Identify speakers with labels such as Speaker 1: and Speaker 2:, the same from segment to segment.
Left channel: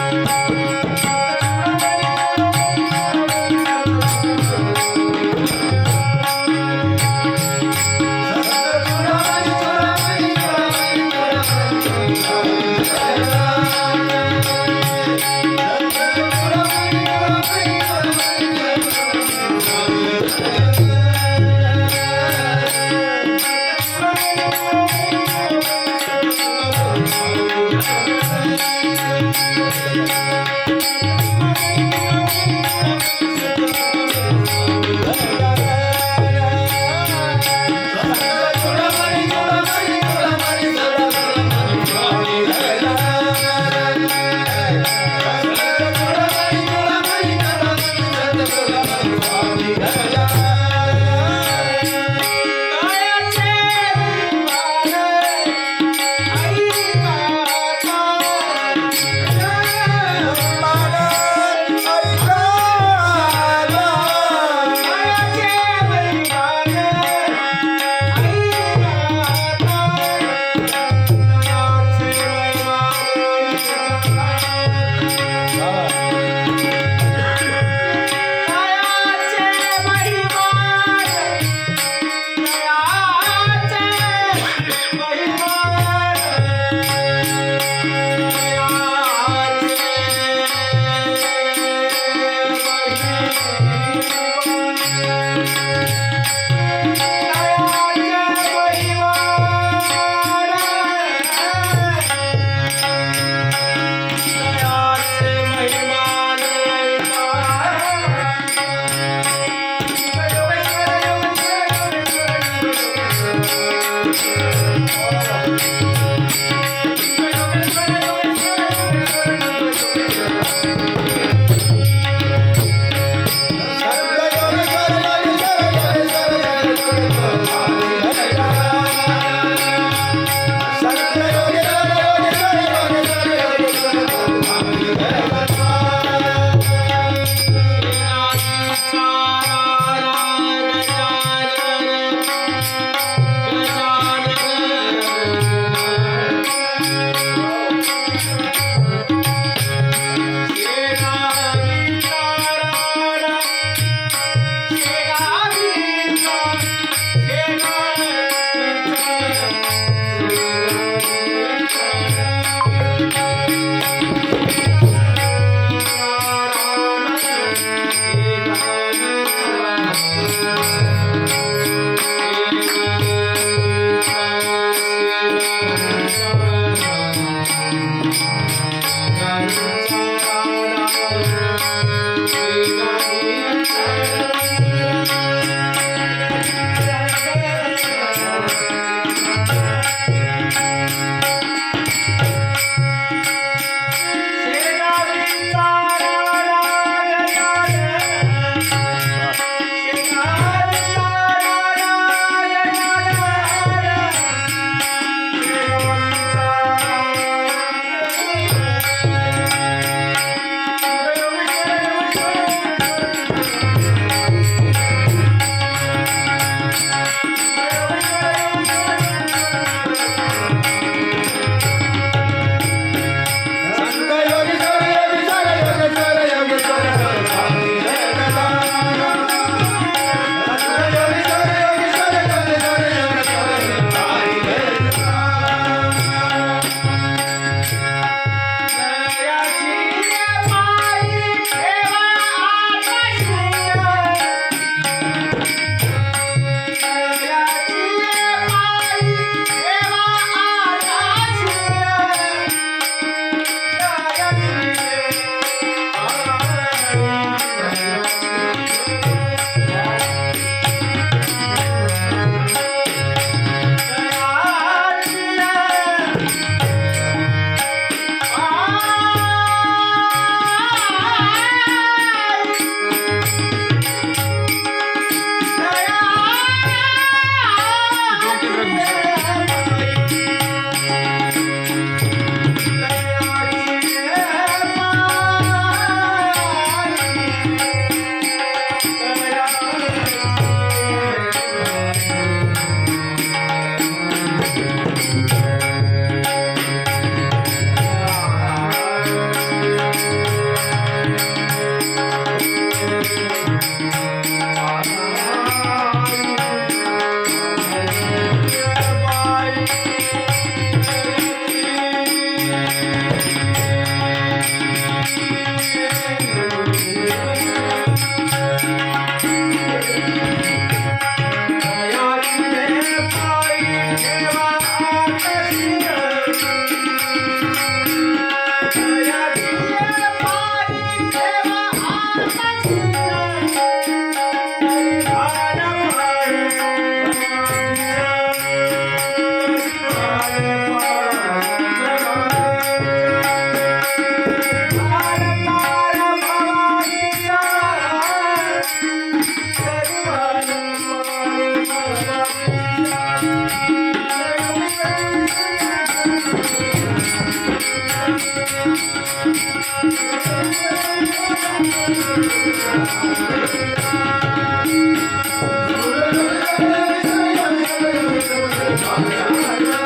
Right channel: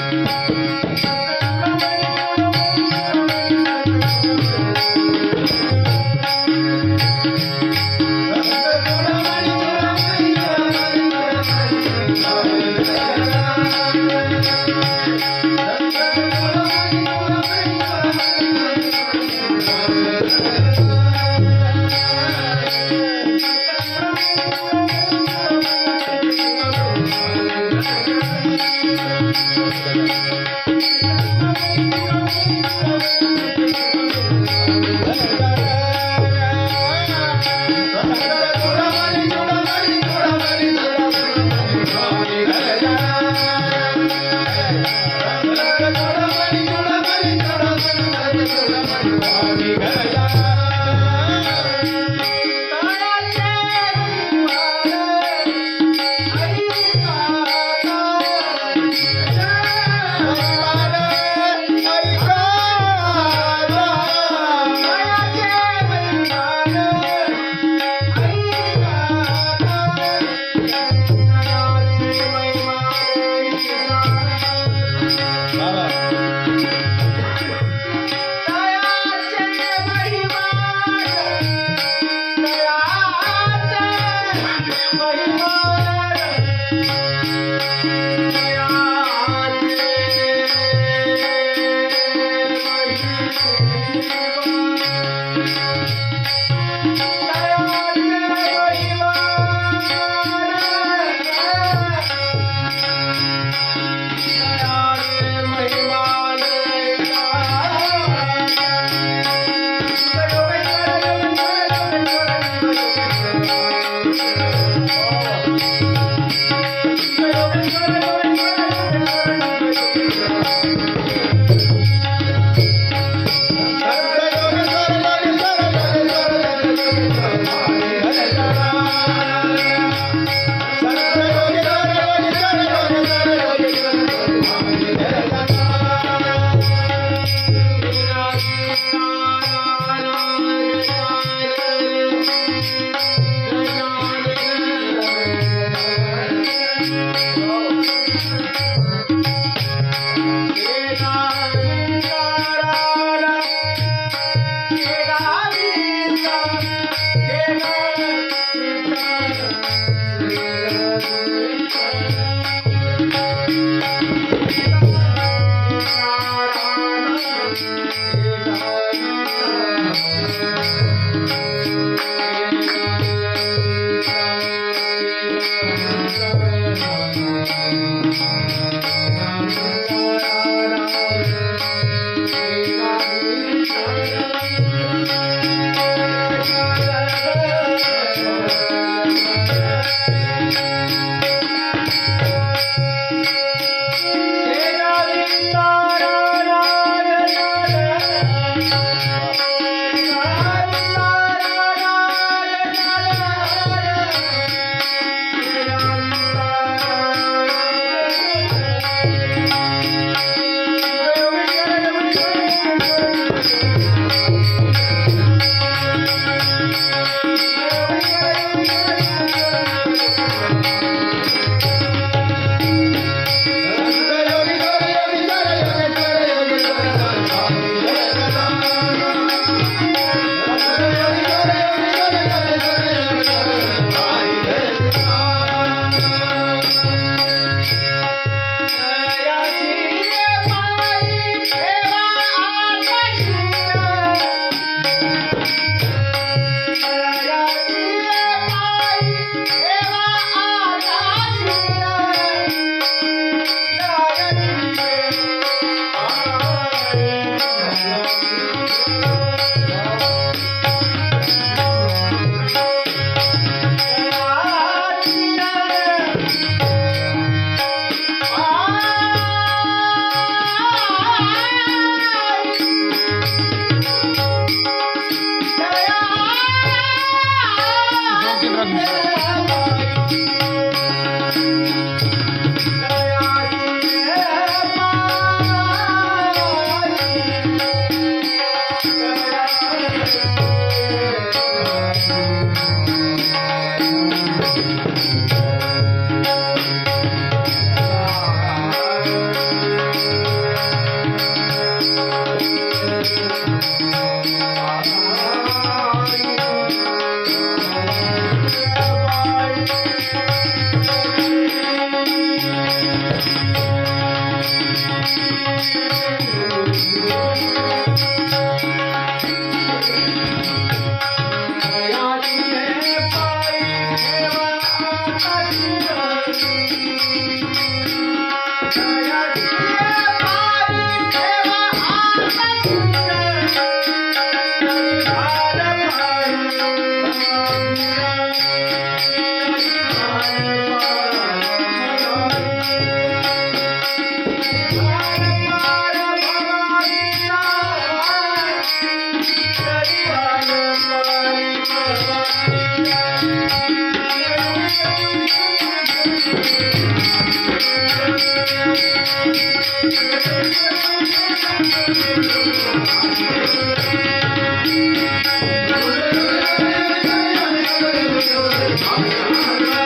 Speaker 1: Thank you. Thank you. Yeah.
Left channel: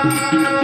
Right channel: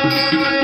Speaker 1: Thank